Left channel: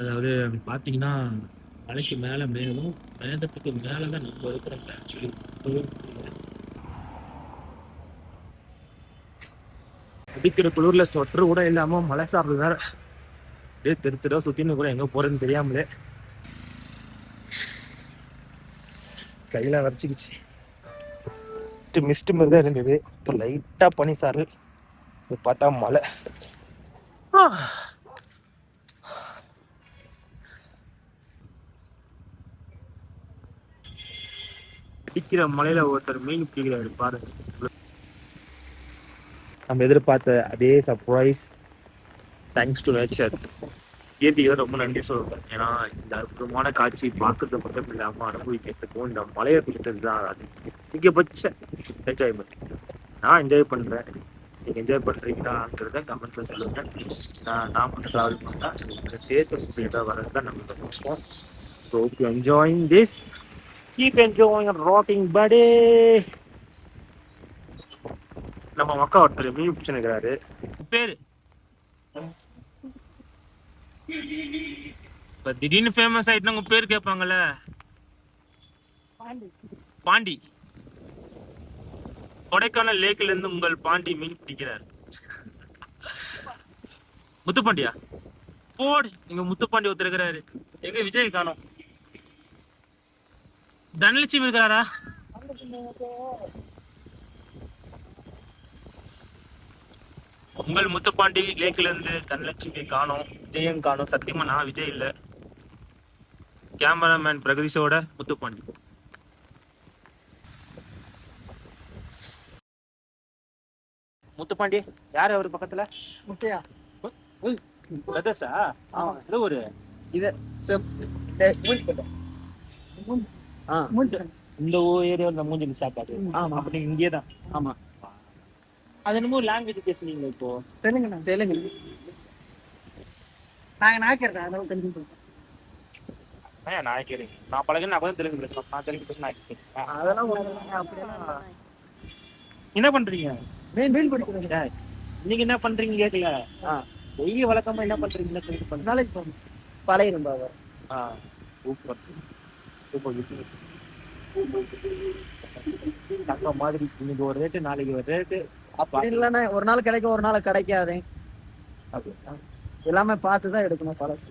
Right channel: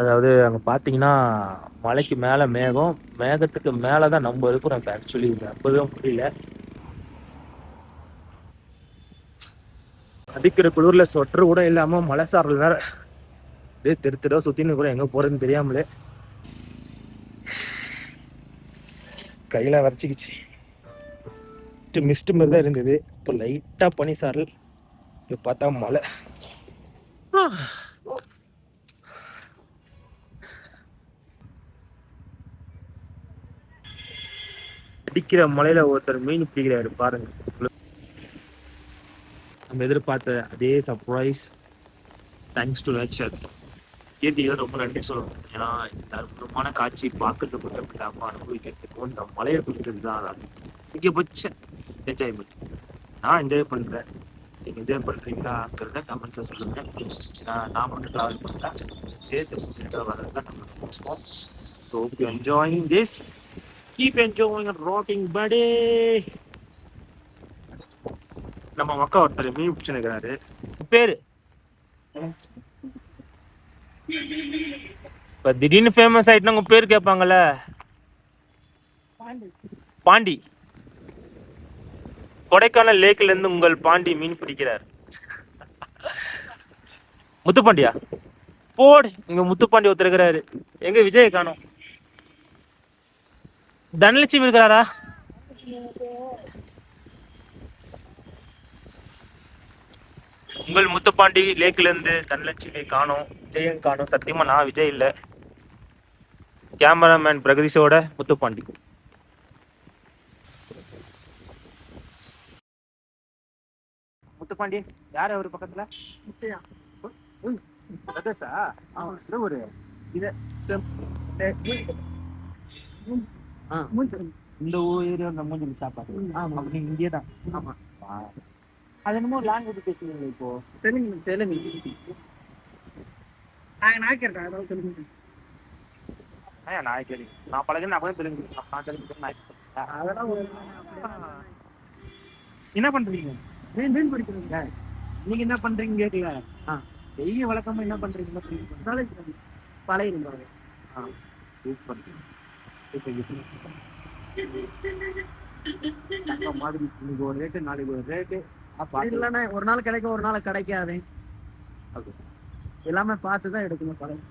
அதாவது அங்க பாத்தீங்கன்னா மலைக்கு மேல மேகம், மேகத்துக்கு மேலதான் நம்ம இருக்கிறோம். இப்ப ஆக்சுவலி நம்பவே முடியல. அடிக்கிற குளிர்ல சொட்டர் கூட இல்லாம மலை சாரல் வேற அப்படியே தெரு சுத்தின்னு கூட எங்க போறதுன்னு தெரியாமலே கையில வரைச்சிக்கிச்சு. மிஸ்ட் மாதிரி தான் இருந்தது, இப்போ லைட்டா பனி சாரல், இப்போ பார்த்தா மலை. அடிக்கிற மலையில ஒருத்தர் மீன் பிடிக்கிறாரு பாருங்க. நம்ம எதிர்பார்த்த அதே சர்ப்ரைஸ், தேங்க்ஸ் டு நேச்சர். இயற்கையை ரொம்ப நன்றி சொல்லுவேன். ஏன்னா இந்த அற்புதமான காட்சி பார்க்கறது மட்டும் இல்லாம அனுபவிக்கிறதுக்கும் இந்த மலையை கொடுத்தது தான் அதிகபட்ச என்ஜாய்மெண்ட். நான் என்ஜாய் பண்றேன், நீங்க என்ஜாய் பண்றீங்களாங்கிறத கமெண்ட்ல சொல்லுங்க. நான் மட்டும் டிராவல் பண்ணா சேர்த்து கூட்டிகிட்டா வர்றதுதான் நம்மளோட நோக்கம். So hope you enjoying this. Keep enjoying and rocking buddy. நம்ம மக்கா ஒருத்தர் மீன் பிடிச்சுக்கிறாரு. பேரு இப்ப திடீர்னு ஃபேமஸ் ஆயிட்டுனா உங்க பேர் கேட்பாங்கல்ல. பாண்டி. கொடைக்கானல் லேக்ல இருந்து உங்கள் பாண்டி மீன் பிடிக்கிறார். முத்துப்பாண்டியா போடு. இங்க முத்துப்பாண்டி ஒருத்தர் இருக்கிறாரு. எங்க விஜய் காணோம். தனலட்சுமி இருக்கிறாரா? உங்கள் முத்துப்பாண்டி லேக்ல இருந்து தனலட்சுமி காணோம், விஜயன் காணோம். சத்தியமா நான் விஜய் இல்ல, கேமராமேன் பிரகதீஷோட முத்துப்பாண்டி. முத்துப்பாண்டி யாரு அவரு பக்கத்துல? முட்டையா பிரதர்ஸா? இந்த ஒரு இது இந்த ஏரியாவில் மூஞ்சி சாப்பாடு. அப்ப நீங்க இங்கே தான்? ஆமா. அது என்னமோ லாங்குவேஜ் பேசுனீங்களா இப்போ? தெலுங்கு. தெலுங்கு நாங்க நாய்க்கிறேன் தெலுங்கு. நாயக்கேரி நான் பழகின அப்பதான் தெலுங்கு பேசலாம். நான் தெலுங்கு பேச நாயக்கேரி. அதெல்லாம் என்ன பண்றீங்க? மீன் பிடிக்கிறீங்க. நீங்க என்ன பண்றீங்க கேட்கல. டெய்லி வழக்கமா என்ன பண்றீங்க? நாளைக்கு போகணும். பழைய இருந்தாங்க. Super super business. தங்க மாதிரி இன்னைக்கு ஒரு ரேட்டு, நாளைக்கு ஒரு ரேட்டு. அப்படி இல்லைன்னா ஒரு நாள் கிடைக்கும், ஒரு நாள் கிடைக்காது. எல்லாமே பார்த்துதான் எடுக்கணும் பழசு.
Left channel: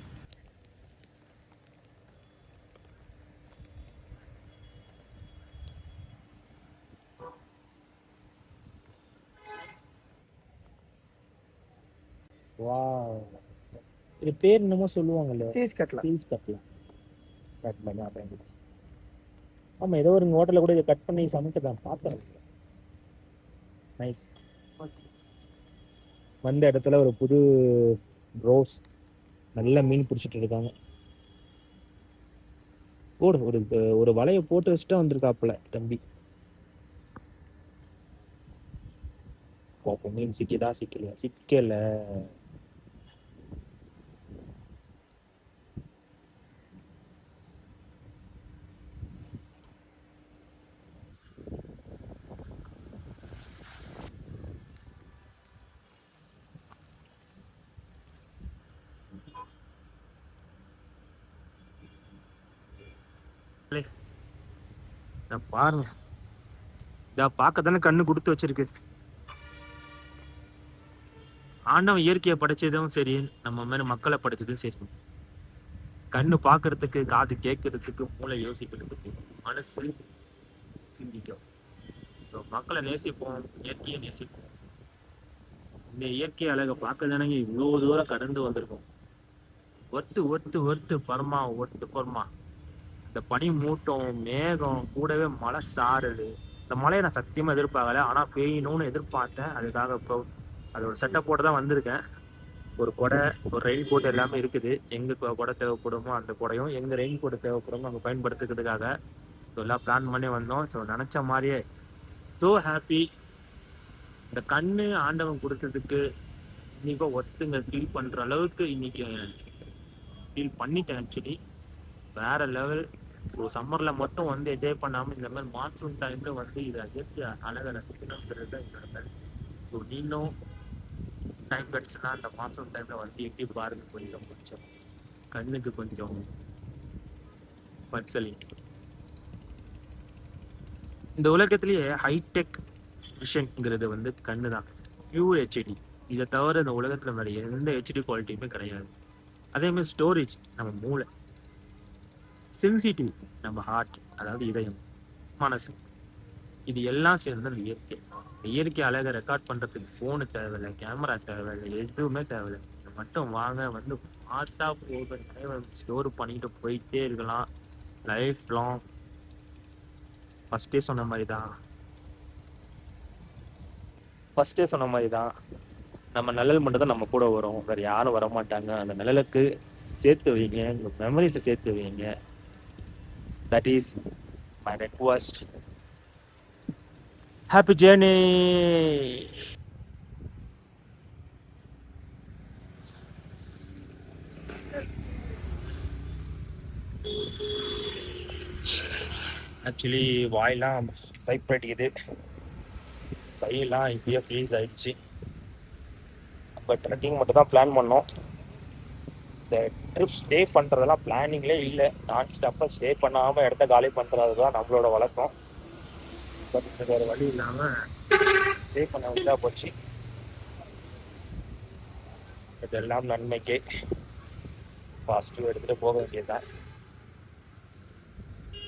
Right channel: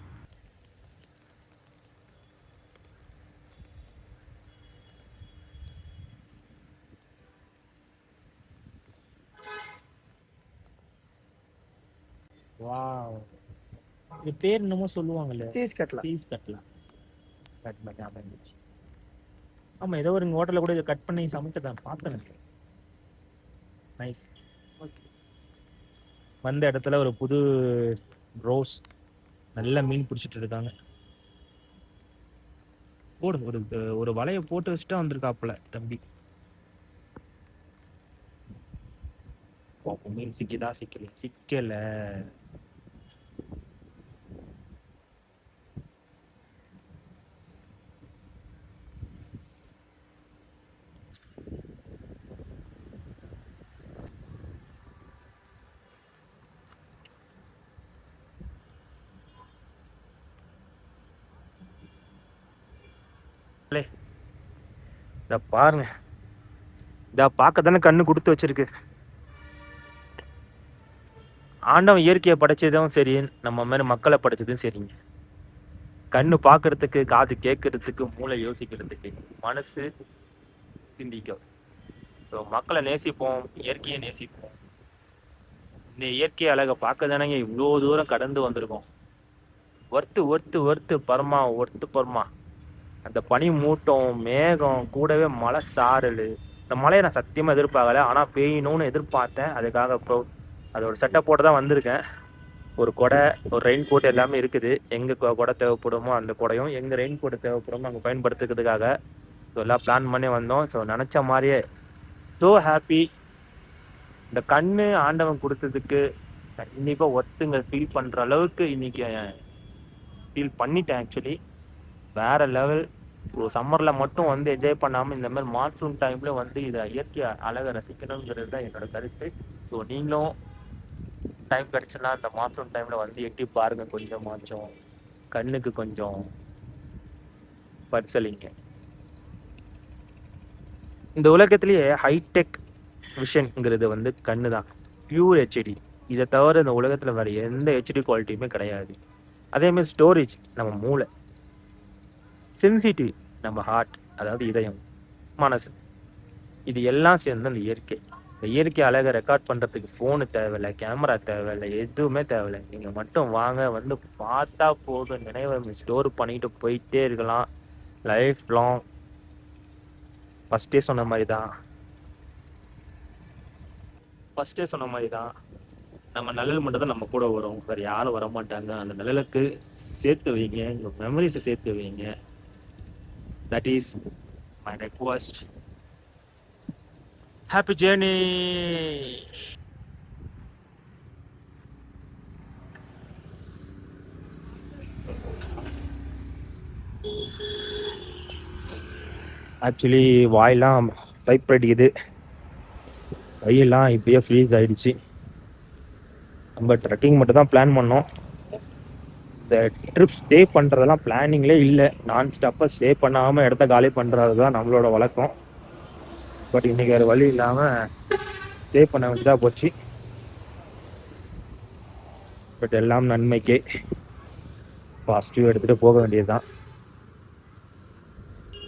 வாவ், இது பேர் என்னமோ சொல்லுவாங்கல்ல, ஃபீஸ் கட்டலாம். ஃபீஸ் கட்டலாம். கட் பண்ணி அப்படிந்துச்சு. ஆமா, ஏதோ ஒரு ஹோட்டலில் கூட இதை கட் பண்ணி சமைக்க தான் பார்த்தேன். நைஸ். வந்த இடத்துல ஒரு புது ரோஸ் நல்ல மீன் பிடிச்சிட்டு இருக்காங்க. ஒரு ஒரு வலையை போட்டு வச்சுட்டா வந்திருக்காப்புல தம்பி. பாப்போம் மீன் சிக்கிதா சிக்கலையா. சிக்கல. இத பாருங்க, இத பார்க்க தானே கண்ணு கொடுத்து வச்சிருக்கு. ஆண்டவன் இயற்கையை படைச்சதும் சரி, நம்ம மாதிரி மக்களை படைச்சதும் சரிங்க. கண்ணு பார்க்கறதுக்கு, காது கேட்கறதுக்கு, மூளை யோசிக்கிறதுக்கு, மனசு சிந்திக்க. ஸோ மக்களை நேசிப்போம், இயற்கையை நேசிப்போம். இந்த இயற்கை அழகை பார்க்க தானேங்க இவ்வளோ தூரம் கடந்து வந்திருக்கோம். Worth Burma. அந்த பனி மூட்டம், மேகம், கூடவே மழை சாரல். இந்த மழையை நான் சத்தியமா எதிர்பார்க்கல, ஆனா பெய்யணும்னு எதிர்பார்த்தேன். அதுக்காக இப்போ அதோட செட்டப்போட தான் வந்திருக்கேன். ஒரு கொடை, ஒரு ரெயின் கோட் எல்லாமே இருக்குது. எங்க கொடை தேவைப்படுமோ அந்த கொடையும், எங்க ரெயின் கோட் தேவைப்படுமோ அங்கே பயன்படுத்துறதுக்காக ஸோ எல்லாம் பிளான் பண்ணி வந்தோம். ஸோ நினைச்ச மாதிரியே ஸோ ஹாப்பி. இந்த கண்ணு ஆண்டவன் கொடுத்ததுக்கு கண்டிப்பா ஒருத்துங்க ஃபீல் பண்ற அளவுக்கு இன்னைக்கு ஃபீல் பண்ணிட்டேன். ஆக்சுவலி வேற லெவல். ஸோ சம்மர்ல மட்டும் வந்து என்ஜாய் பண்ணாம இந்த மாதிரி மான்சூன் டைம்ல வந்து இதை இயற்கை அழகை ரசிக்கணுங்கிறது தான் என்னோட கருத்து. ஸோ நீங்களும் டைம் கிடைச்சுன்னா இந்த மான்சூன் டைம்ல வந்து எட்டி பாருங்க கொஞ்சம் மாச்சம். கண்ணுக்கு கொஞ்சம் பரிசலிங்க. இந்த உலகத்திலேயே ஹைடெக் விஷன்ங்கிறது வந்து கண்ணு தான். Pure HD. இதை தவிர இந்த உலகத்தில் வேற எந்த ஹெச்டி குவாலிட்டியுமே கிடையாது. அதே மாதிரி ஸ்டோரேஜ் நம்ம மூளை, சென்சிட்டிவ் நம்ம ஹார்ட், அதாவது இதயம், மனசு, இது எல்லாம் சேர்ந்து அந்த இயற்கை. இந்த இயற்கை அழகை ரெக்கார்ட் பண்ணுறதுக்கு ஃபோனு தேவையில்லை, கேமரா தேவையில்லை, எதுவுமே தேவையில்லை. நீங்கள் மட்டும் வாங்க, வந்து பார்த்தா போதும், நினைவை ஸ்டோர் பண்ணிட்டு போயிட்டே இருக்கலாம் லைஃப் லாங். ஃபஸ்ட்டே சொன்ன மாதிரி தான் நம்ம நிழல் மட்டும் தான் நம்ம கூட வரும், வேற யாரும் வர மாட்டாங்க. அந்த நிழலுக்கு சேர்த்து வைங்க, உங்க மெமரிஸை சேர்த்து வைங்க. That is my request. Happy journey. Actually வாயெல்லாம் பைப் அடிக்குது, கையெல்லாம் இப்பயே ஃப்ரீஸ் ஆயிடுச்சு. நம்ம ட்ரெக்கிங் மட்டும் தான் பிளான் பண்ணோம். இந்த ட்ரிப் ஸ்டே பண்ணுறதெல்லாம் பிளானிங்லே இல்லை. நான் ஸ்டாப்பாக ஸ்டே பண்ணாமல் இடத்த காலி பண்ணுறது தான் நம்மளோட வழக்கம். பட் இன்னைக்கு வேறு வழி இல்லாமல் ஸ்டே பண்ண வேண்டியதாக போச்சு. பட் எல்லாம் நன்மைக்கே. பாசிட்டிவ் எடுத்துகிட்டு போக வேண்டியதுதான்.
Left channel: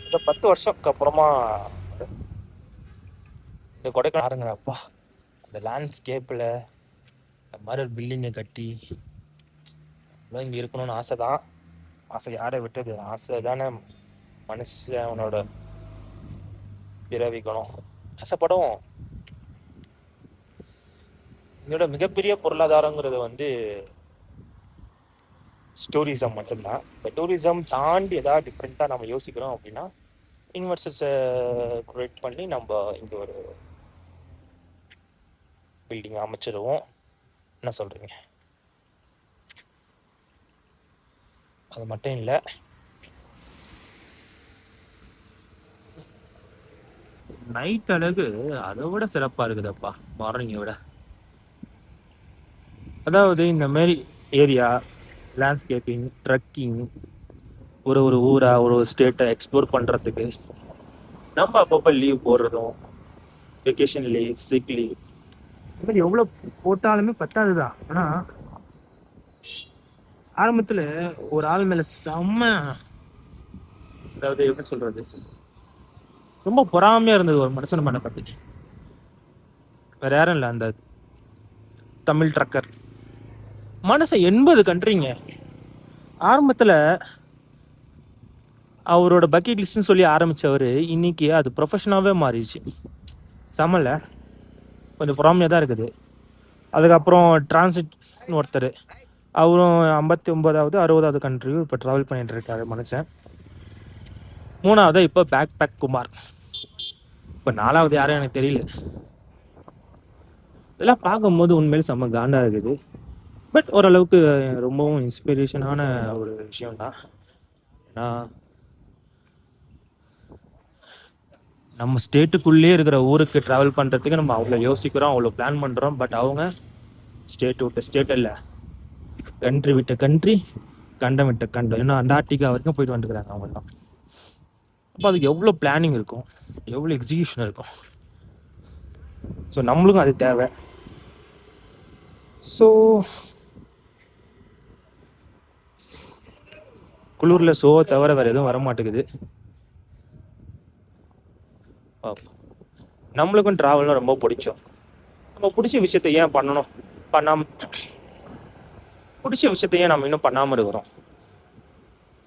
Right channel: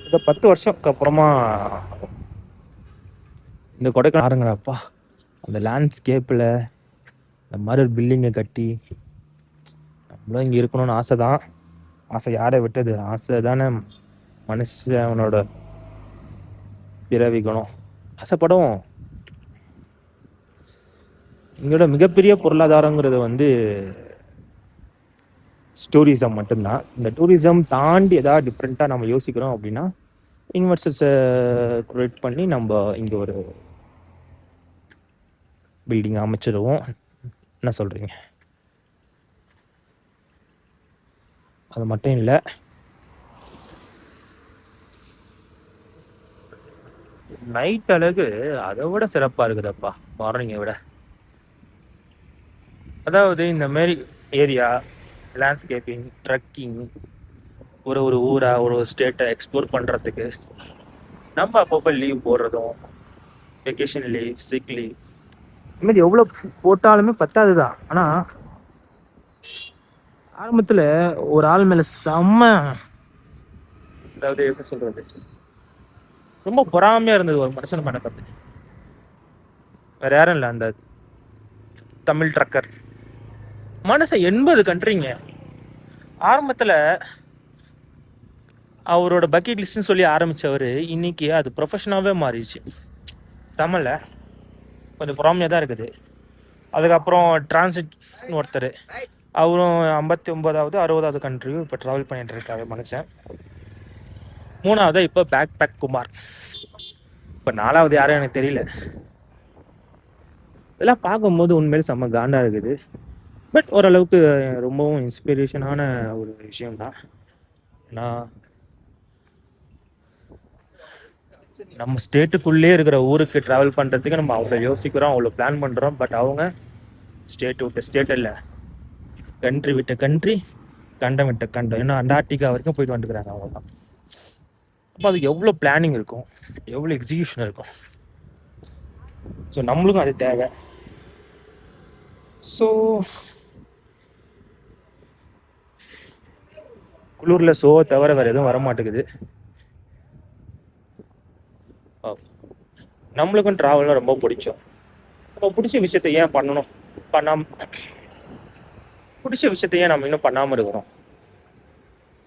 இந்த 10 வருஷத்துக்கு அப்புறமா இந்த கொடைக்கானல்ப்பா, அந்த லேண்ட்ஸ்கேப்பில் இந்த மாதிரி ஒரு பில்டிங்கை கட்டி நம்மளும் இங்கே இருக்கணும்னு ஆசை தான். ஆசை யாரை விட்டது? ஆசை தானே மனுஷனோட பிறவிக்கணும். ஆசைப்படும். எங்களோட மிகப்பெரிய பொருளாதாரங்கிறது வந்து டூரிசம் மட்டும்தான். இந்த டூரிசம் தாண்டி ஏதாவது டிஃப்ரெண்ட்டாக நம்ம யோசிக்கிறோம் அப்படின்னா இன்வெஸ்டர்ஸை க்ரியேட் பண்ணி நம்ம இங்கே ஒரு பில்டிங் அமைச்சிடுவோம். என்ன சொல்கிறீங்க? அது மட்டும் இல்லை, நைட் அழகு அதை விட சிறப்பாக இருக்குதுப்பா மார்னிங்கை விட. அதாவது இந்த மாதிரி ஏரியா லேண்ட்ஸ்கேப்பிங், ட்ரெக்கிங், ஒரு ஊரா ஒரு ஸ்டேட்டை எக்ஸ்ப்ளோர் பண்ணுறதுக்கு நம்ம அப்பப்போ லீவ் போடுறதும், வெக்கேஷன் லீவ், சிக் லீவ், இந்த மாதிரி எவ்வளோ போட்டாலுமே பத்தாது தான். ஆனால் ஆரம்பத்தில் ஒரு ஆள் மேலே செம்ம, அதாவது எப்படி சொல்கிறது, ரொம்ப பொறாமையாக இருந்தது ஒரு மனுஷன் மேலே பார்த்து. வேற யாரும் இல்லை, அந்த தமிழ் ட்ரக்கர் மனுஷன் 80 கண்ட்ரிங்க. ஆரம்பத்தில் அவரோட பக்கெட் லிஸ்ட்னு சொல்லி ஆரம்பித்தவர் இன்னைக்கு அது ப்ரொஃபஷனாகவே மாறிடுச்சு. செம்மல கொஞ்சம் பொறாமையாக தான் இருக்குது. அதுக்கப்புறம் டிரான்சிட்னு ஒருத்தர், அவரும் 59வது 60வது கண்ட்ரியும் இப்போ ட்ராவல் பண்ணிட்டு இருக்காரு மனுஷன். 3வது இப்போ பேக் குமார். இப்போ 4வது யாரும் எனக்கு தெரியல. இதெல்லாம் பார்க்கும்போது உண்மையிலே செம்ம காண்டா இருக்குது. பட் ஓரளவுக்கு ரொம்பவும் இன்ஸ்பிரேஷனான ஒரு விஷயம் தான். ஏன்னா நம்ம ஸ்டேட்டுக்குள்ளேயே இருக்கிற ஊருக்கு ட்ராவல் பண்ணுறதுக்கு நம்ம அவ்வளோ யோசிக்கிறோம், அவ்வளோ பிளான் பண்ணுறோம். பட் அவங்க ஸ்டேட் விட்ட ஸ்டேட் இல்லை, கண்ட்ரி விட்ட கண்ட்ரி, கண்டம் விட்ட கண்டம், இன்னும் அண்டார்டிகா வரைக்கும் போயிட்டு வந்துக்கிறாங்க அவங்கெல்லாம். அப்போ அதுக்கு எவ்வளோ பிளானிங் இருக்கும், எவ்வளோ எக்ஸிக்யூஷன் இருக்கும். ஸோ நம்மளுக்கும் அது தேவை. ஸோ குளூரில் ஷோ தவிர வேறு எதுவும் வரமாட்டேங்குது. நம்மளுக்கும் ட்ராவல்லாம் ரொம்ப பிடிக்கும். நம்ம பிடிச்ச விஷயத்த ஏன் பண்ணணும், பிடிச்ச விஷயத்த ஏன் நம்ம இன்னும் பண்ணாமல் இருக்கிறோம்?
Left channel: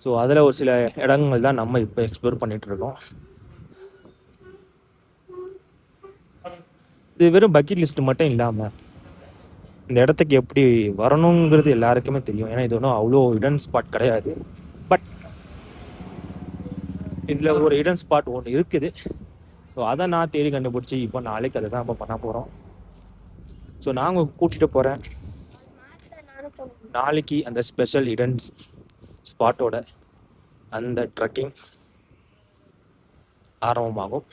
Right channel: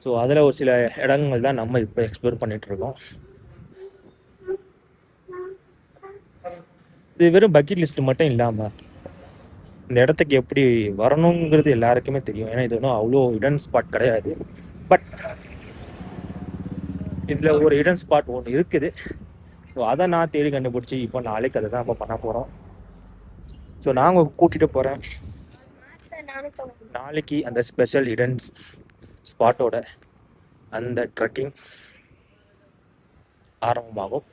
ஸோ அதில் ஒரு சில இடங்கள் தான் நம்ம இப்போ எக்ஸ்ப்ளோர் பண்ணிட்டு இருக்கோம். இது வெறும் பக்கெட் லிஸ்ட் மட்டும் இல்லாமல் இந்த இடத்துக்கு எப்படி வரணுங்கிறது எல்லாருக்குமே தெரியும். ஏன்னா இது ஒன்றும் அவ்வளோ ஹிடன் ஸ்பாட் கிடையாது. பட் இதில் ஒரு ஹிடன் ஸ்பாட் ஒன்று இருக்குது. ஸோ அதை நான் தேடி கண்டுபிடிச்சி இப்போ நாளைக்கு அதை தான் நம்ம பண்ண போகிறோம். ஸோ நாங்கள் கூட்டிகிட்டு போகிறேன் நாளைக்கு அந்த ஸ்பெஷல் ஹிடன் ஸ்பாட்டோட அந்த ட்ரெக்கிங் ஆரம்பமாகும்.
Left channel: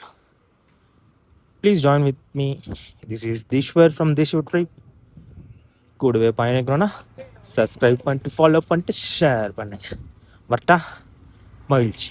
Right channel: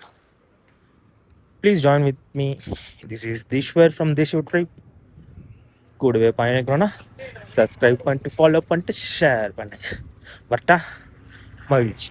Please join with me. This is Theeswar from Theeswar trip. கூடவே பயணிக்கணும்னா சப்ஸ்கிரைப் பண்ணிட்டு ஃபாலோ பண்ணிட்டு ஷேர் பண்ணுங்க. வரட்டா? மகிழ்ச்சி.